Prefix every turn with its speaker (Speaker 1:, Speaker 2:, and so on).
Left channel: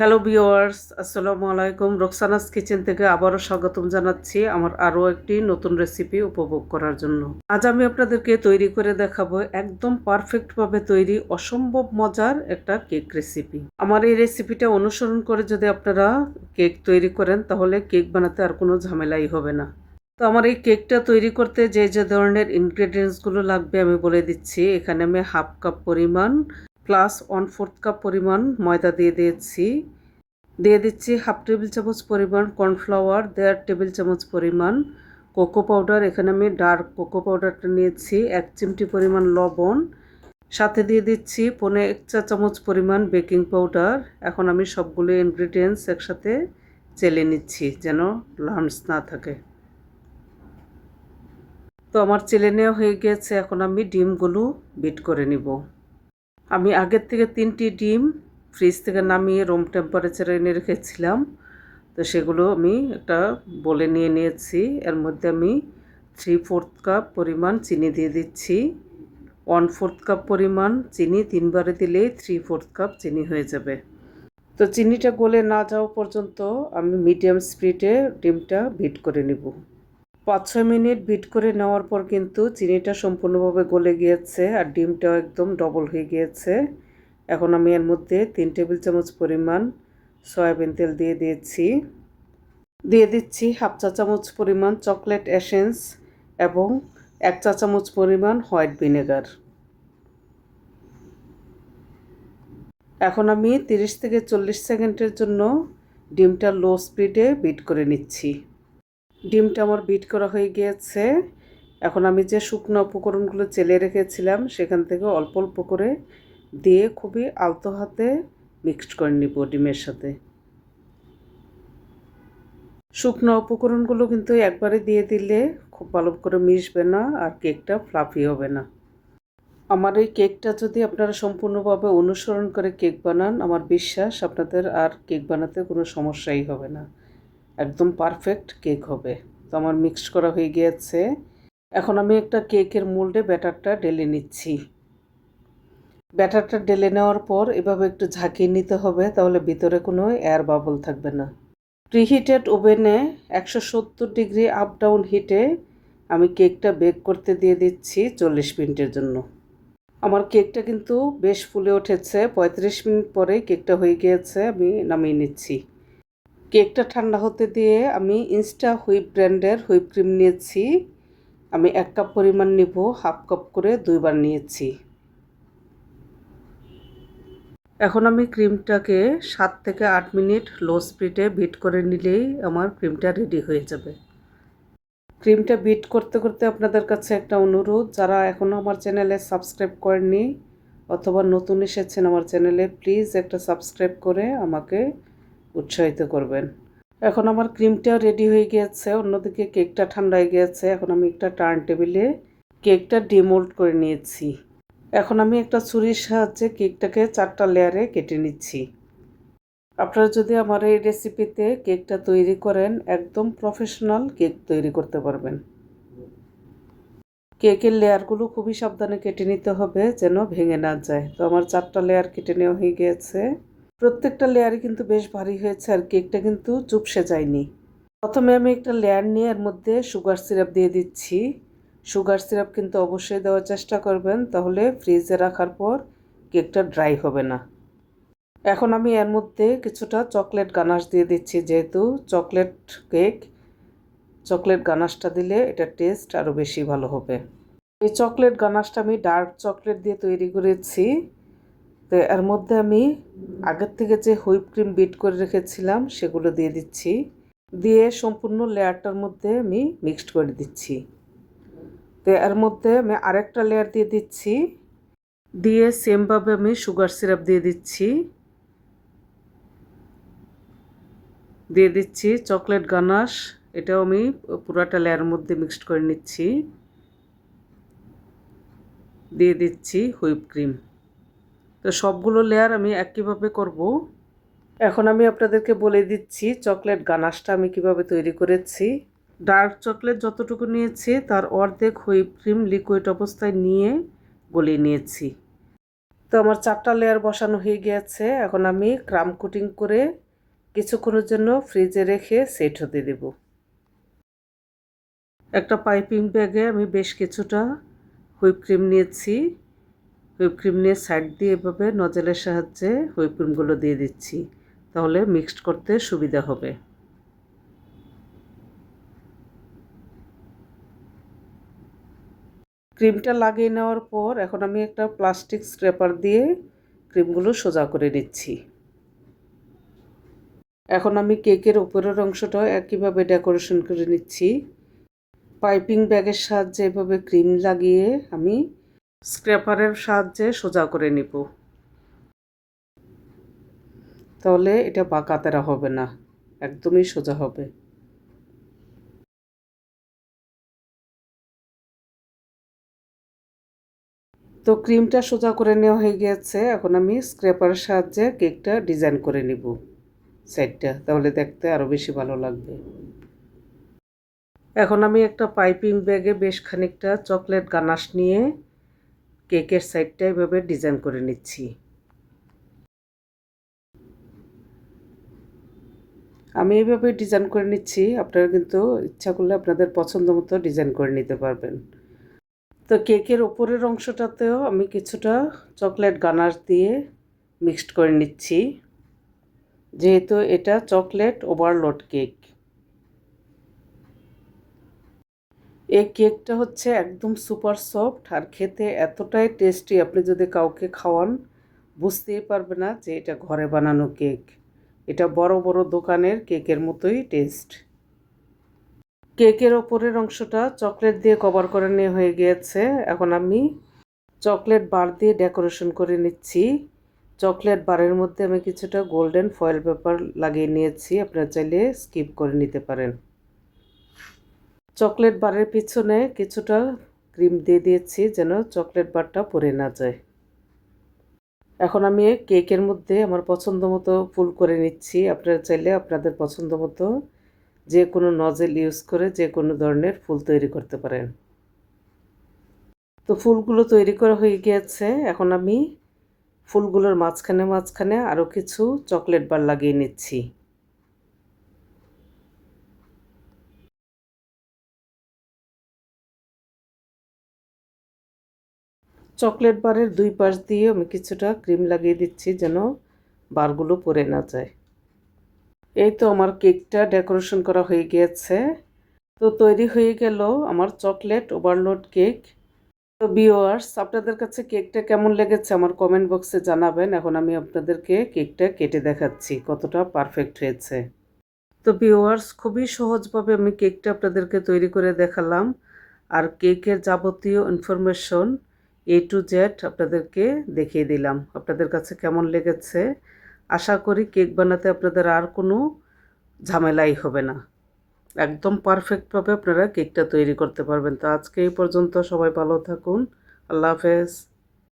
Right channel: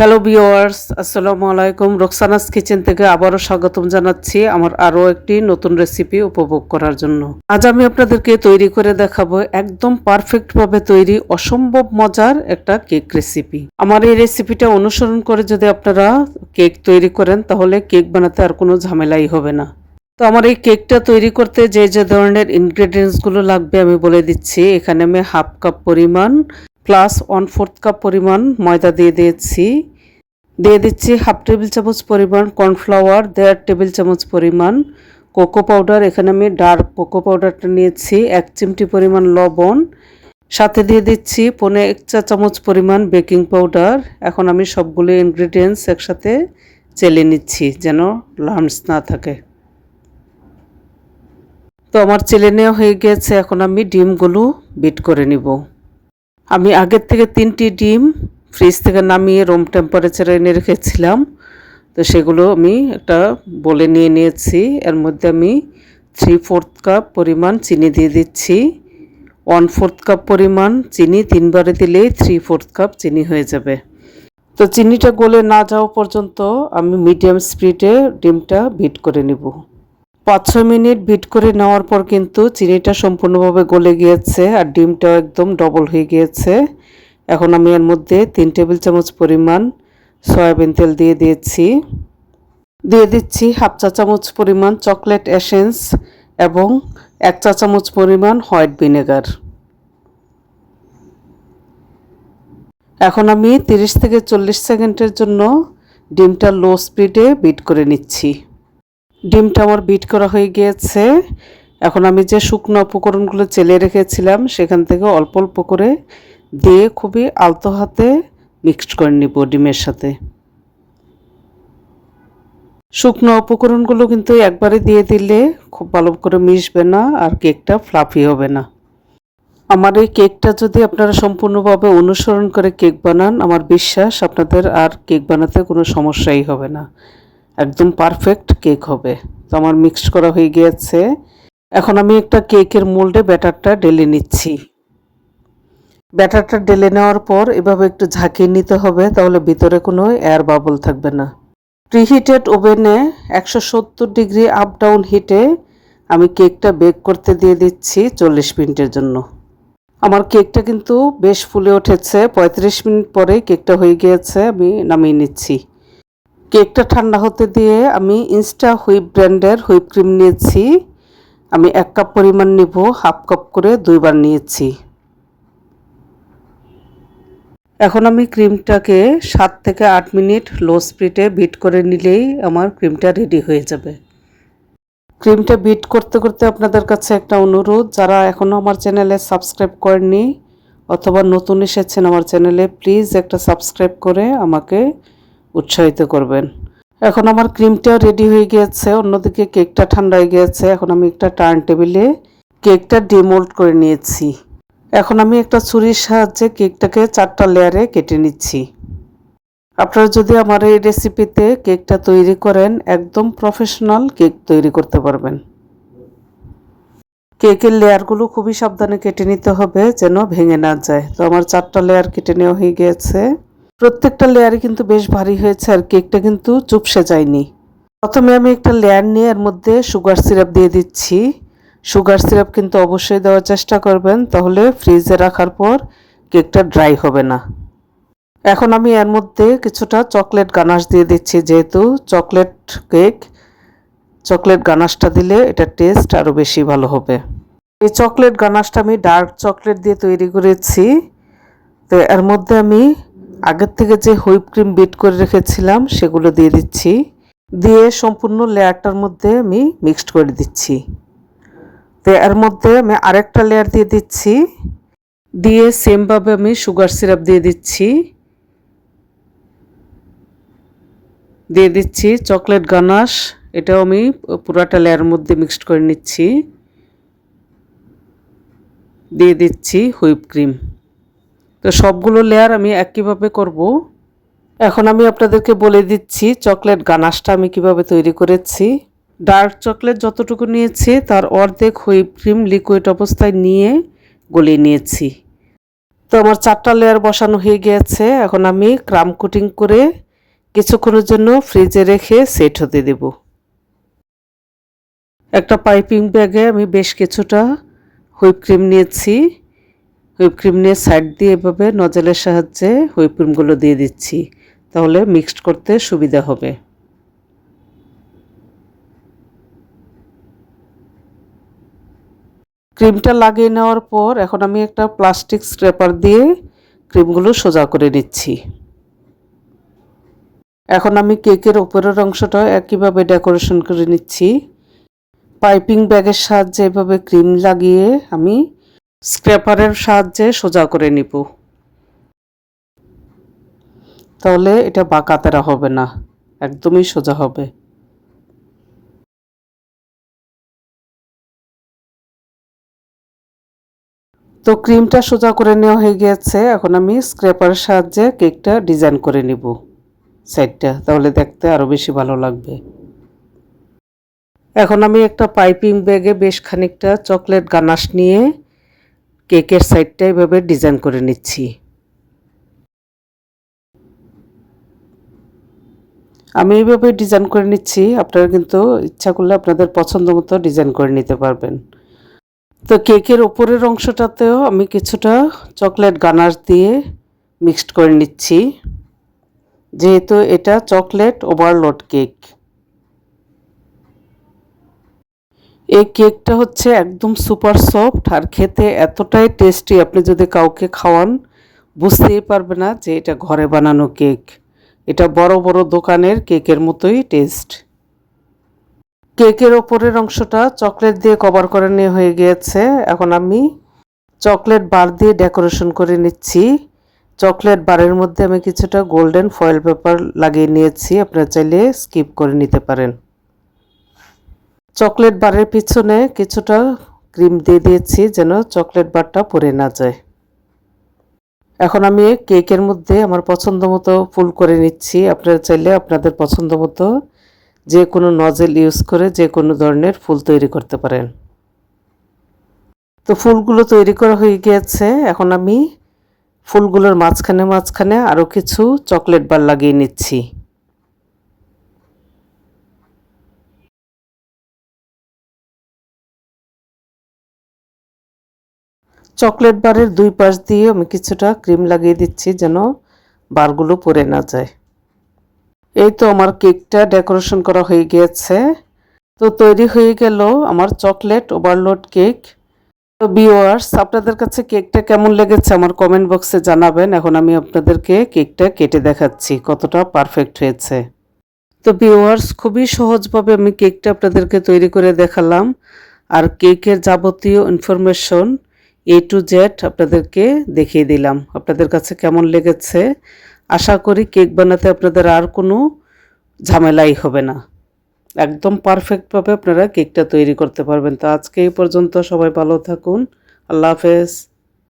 Speaker 1: Hello viewers আসসালামু আলাইকুম Roksana's kitchen থেকে আবারও স্বাগতম জানাচ্ছি আমার আরও একটি নতুন রেসিপি উপভোগ করার জন্য। আজ আমি আপনাদেরকে তৈরি করে দেখাবো একদম পারফেক্টভাবে তৈরি অসম্ভব মজার একটা কেক রেসিপি আমার এই রেসিপিটা অনুসরণ করে যদি আপনারা কেক তৈরি করেন, তাহলে কেক বানাতে আর কোনো ঝামেলাই হবে না। তো আমার এই কেকটা তৈরি করতে যে যে ধরনের ইনগ্রেডিয়েন্টসগুলো লাগবে আমি বলে দিচ্ছি। এখানে আমি হাফ কাপ পরিমাণ প্লাস ওয়ান ফোর্থ কাপ পরিমাণ ময়দা দিয়ে দিয়েছি। দিয়ে দিচ্ছি হাফ টেবিল চামচ পরিমাণ কর্নফ্লাওয়ার, দেড় টেবিল চামচ পরিমাণ কোকো পাউডার। এখানে আমি ডার্ক কোকো পাউডারটা নিয়েছি, এক চিমটি পরিমাণ লবণ। সাথে দিয়ে দিচ্ছি পনে এক চা চামচ পরিমাণ বেকিং পাউডার। এখন আমি সবগুলো ইনগ্রিডিয়েন্টস একসাথে চেলে নিচ্ছি যেন লাম্পস না থাকে। তো আমার চেলে নেওয়া হয়ে গেছে, এখন আমি ডিমগুলো বিট করে নিব। আমি আগের থেকে তিনটি ডিম ফ্রিজ থেকে নামিয়ে রুম টেম্পারেচারে এনে রেখেছিলাম। তো সেগুলো আমি একটা বলে নিয়ে নিয়েছি। এর মধ্যে আমি থ্রি ফোর্থ কাপ পরিমাণ চিনি দিয়ে দিচ্ছি। ওয়ান ফোর্থ কাপ পরিমাণ চিনি তিনবারে দিলেই থ্রি ফোর্থ কাপ চিনি হয়ে যাবে। তো চিনিটা গলে না যাওয়া পর্যন্ত আমি মিডিয়াম স্পিডে ডিমটা বিট করে নিব। পাঁচ ছ মিনিট বিট করে নেওয়ার পর কিন্তু চিনিটা সম্পূর্ণভাবে গলে গিয়েছে আর ডিমটা একদম ডবল হয়ে গিয়েছে। এখন আমি এর মধ্যে তিন টেবিল চামচ পরিমাণ সয়াবিন তেল দিয়ে দিয়েছি। দিয়ে দিচ্ছি হাফ চা চামচ পরিমাণ চকলেট এসেন্স এবং এক চা চামচ পরিমাণ হোয়াইট ভিনেগার। এখন আমি তিরিশ থেকে চল্লিশ সেকেন্ডের জন্য ডিমটা লো স্পিডে বিট করে নিচ্ছি। ডিমটা আমার বিট করা হয়ে গিয়েছে। এখন আমি যে শুকনো উপকরণগুলো চেলে রেখেছিলাম, সেখান থেকে অল্প অল্প করে দিয়ে খুবই আলতো হাতে মিক্সড করে নিব ডিমের সাথে। শুকনো উপকরণগুলো কিন্তু একবারে দিয়ে দিলে খুব ভালো করে মিশবে না আর কেকটা ফ্লাফি হবে না। আমার এই কেকটা যদি আপনারা সম্পূর্ণভাবে অনুসরণ করে কেক বানান, আমার বিশ্বাস আপনাদের আর কেক বানাতে কোনো সমস্যাই হবে না। একদম পারফেক্ট কেক হবে। তো আমার মিক্সড করা হয়ে গিয়েছে। এখন আমি একটা কেকের মোল্ডে ব্যাটারটা ডেলে নিচ্ছি। ব্যাটারটা ডেলে নেওয়ার পর এভাবে একটু ঝাঁকিয়ে নিতে হবে, তাহলে ভিতরে কোনো এয়ার বাবল থাকবে না। প্রিহিটেড ওভেনে একশো সত্তর ডিগ্রি আপ ডাউন হিটে আমি কেকটা বেক করতে দিয়ে দিচ্ছি চল্লিশ মিনিটের জন্য। আমার কেকটা কিন্তু বেশ ফুলে উঠেছে। পঁয়ত্রিশ মিনিট পরে কেকটা হয়ে গিয়েছে, আমি নামিয়ে নিচ্ছি। কেকটা ঠান্ডা হতে দিয়ে আমি ইনস্টা হুইপ ব্র্যান্ডের হুইপ ক্রিম নিয়েছি। আমি এক কাপ পরিমাণ নিব, হাফ কাপ করে দুইবার নিয়েছি। এখন আমি ক্রিমটাকে সাত থেকে আট মিনিট লো স্পিডে বিট করে নিলেই আমার ক্রিমটা রেডি হয়ে যাবে। ক্রিমটা বিট করতে করতে আপনাদের কাছে একটা অনুরোধ, যারা এখনও আমার চ্যানেলে সাবস্ক্রাইব করেননি অথবা নতুন এসেছেন আমার চ্যানেলে, প্লিজ একটা সাবস্ক্রাইব করে আমাকে উৎসাহিত করবেন। এখন আমার ক্রিমটা রেডি হয়ে গিয়েছে, অন্যদিকে কেকটা ঠান্ডা হয়ে গিয়েছে। এখন আমি একটা টার্ন টেবিলে কেকটা ডিমোল্ড করে নিয়েছি। এখন আমি একটা ছুরির সাহায্যে কেকটাকে চারটা লেয়ারে কেটে নিচ্ছি। আপনারা যদি আমার এই রেসিপিতে কেকটা তৈরি করেন, একদম প্রফেশনাল কেক তৈরি করতে পারবেন। কেকের লেয়ারগুলো খুবই সাবধানে কেটে নিতে হবে যেন ভেঙে না যায়। তো আমার চারটা লেয়ার কেটে নেওয়া হয়ে গিয়েছে। প্রত্যেকটা লেয়ারে কিন্তু বেশ ভারী হয়েছে আর কেকটা কিন্তু চুপসে যায়নি। প্রথমে আমি একটা লেয়ার নিয়ে এর মধ্যে সুগার সিরাপ দিয়ে দিচ্ছি। সুগার সিরাপ কিন্তু অবশ্যই দেওয়ার চেষ্টা করবেন, তাহলে ফ্রিজে রাখার পর কেকটা ড্রাই হবে না। এখন আমি এর মধ্যে কিছুটা চকলেট গানাশ দিয়ে দিচ্ছি, যেহেতু চকলেট কেক চকলেট গানাশটা দিলে এটা টেস্ট আরও বেশি ভালো হবে। এই চকলেট গানাশটা আমি ডার্ক চকলেট দিয়ে তৈরি করেছি। তো এর মধ্যে আমি আগের থেকে যে হুইপ ক্রিম বিট করে রেখেছিলাম, সেগুলো দিয়ে দিচ্ছি। দিয়ে সম্পূর্ণ লেয়ারটার মধ্যে আমি মিক্সড করে দিচ্ছি। তো এর মধ্যে আমি আরেকটা লেয়ার দিয়ে দিচ্ছি। দিয়ে সেমভাবে আমি সুগার সিরাপ দিয়ে দিচ্ছি। দিয়ে দিচ্ছি চকলেট গানাশ। এটাও আমি পুরাটা লেয়ার মধ্যে মিক্সড করে নিচ্ছি। দিয়ে দিচ্ছি হুইপ ক্রিম। তো সবগুলো লেয়ার আমি একইভাবে করব? এখন আমি আপনাদেরকে বলে দিচ্ছি চকলেট গানাশটা আমি কীভাবে তৈরি করেছি। ডার্ক চকলেট যতটুকু নিয়েছি তার অর্ধেক হুইপ ক্রিম লিকুইড অবস্থায় নিয়ে গলিয়ে নিয়েছি। তো আমার চারটা লেয়ার বসানো হয়ে গিয়েছে, এখন আমি ক্রাম কুটিং করে কিছুক্ষণের জন্য ফ্রিজে রেখে সেট হতে দেব। একটা পাইপিং ব্যাগে আমি বেশ কিছুটা হুইপ ক্রিম নিয়েছি। হুইপ ক্রিম নিয়ে সাইড দিয়ে এভাবে নজলের সাহায্যে হুইপ ক্রিমগুলো দিয়ে দিচ্ছি। তাহলে মিক্সড করতে সুবিধা হবে। ক্রিমটা লাগিয়ে নেওয়ার পর এখন আমি একটা প্লাস্টিক স্ক্রেপার দিয়ে ক্রিমগুলো সোজা করে নিচ্ছি। এখন আমি কেকের উপরের অংশটা একইভাবে ডেকোরেশন করে নিচ্ছি। পাইপিং ব্যাগের সাহায্যে এভাবে ক্রিম লাগিয়ে আমি স্ক্র্যাপারের সাহায্যে সোজা করে নিব। তাহলে এটা বাঁকাতেরা হবে না, একদমই সোজা হবে। তো ক্রিমটা সোজা করে নেওয়া হয়ে গিয়েছে, এখন আমি স্ক্র্যাপারের সাহায্যে কেকটা ডিজাইন করে নিব সাইডটা, তাহলে দেখতে আরও বেশি ভালো লাগবে। এখন আমি একটা পাইপিং ব্যাগে বেশ খানিকটা চকলেট গানাশ নিয়ে কেকের সাইডটা এভাবে ডিজাইন করে নিচ্ছি। আমি এইভাবে ডিজাইন করে নিচ্ছি, আপনারা কিন্তু ইচ্ছা করলে আপনাদের পছন্দ মতো ডিজাইন করে নিতে পারবেন। তো কেকের ওপরের অংশটাতেও আমি কিছুটা চকলেট গানার দিয়ে মিক্সড করে নিচ্ছি। যেহেতু এটা চকলেট ওভারলোড কেক। এই কেকটা হচ্ছে একদম সুপার সফট আর খেতে এতটাই টেস্টি। আপনি যদি কাউকে খাওয়ান, বুঝতেই পারবে না যে এটা ঘরে বানানো কেক। এটা বড় বড় দোকানের কেকের মতোই টেস্ট। কেকের ওপরের অংশটা চকলেট দিয়ে কভার করে নিয়ে হয়ে গিয়েছে। এখন আমি চকলেট বার দিয়ে ডেকোরেশন করে নিচ্ছি। চকলেট বারের মধ্যে আমি কিছুটা গোল্ডেন ফয়েল পেপার লাগিয়ে নিয়েছি। আপনারা চাইলে স্কিপ করে নিতে পারেন। চকলেট বারের পিছনে কিছুটা ক্রিম দিয়ে দিয়েছি যেন চকলেট বারটা পরে না যায়। এখন আমি কেকের মধ্যে আমার পছন্দ মতো ফুল করে নিচ্ছি। আপনারা চাইলে আপনাদের পছন্দ মতো যে কোনো নজেল ইউজ করে যে কোনো ধরনের ফুল তৈরি করতে পারেন। তো ফুলগুলো তৈরি করা হয়ে গিয়েছে। এখন আমি ফুলগুলোর মাঝখানে মাঝখানে আরও কিছু চকলেট বার লাগিয়ে নিচ্ছি। চকলেট বারের দুই পাশ দিয়ে আমি কিছুটা ক্রিম লাগিয়ে দিচ্ছি যেন বারগুলো পরে না যায়। এই তো আমার কেকটা ডেকোরেশন করা হয়ে গিয়েছে। তো তৈরি হয়ে গেল আমার চকলেট ওভারলোড কেক। তো বিওয়ার্স আপনাদের কাছে কেকটা কেমন লেগেছে আমার কমেন্ট বক্সে জানাবেন। এখন আমি আপনাদেরকে কেকটা কেটে দেখাচ্ছি, কতটা পারফেক্ট হয়েছে। তো বিওয়ার্স খুবই সহজভাবে আমি কেকটা আপনাদেরকে তৈরি করে দেখালাম। আর কেকের যাবতীয় ইনফরমেশন এ টু জেড আপনাদেরকে দেখিয়ে দিলাম। আপনাদের কাছে কেমন লেগেছে? আশা করি কেক বানাতে আপনাদের আর কোনো ঝামেলাই হবে না। একদম পারফেক্টভাবে আপনারা কেকটা তৈরি করতে পারবেন। তো আজকে এই পর্যন্ত সবাই ভালো থাকুন। আল্লাহ হাফেজ।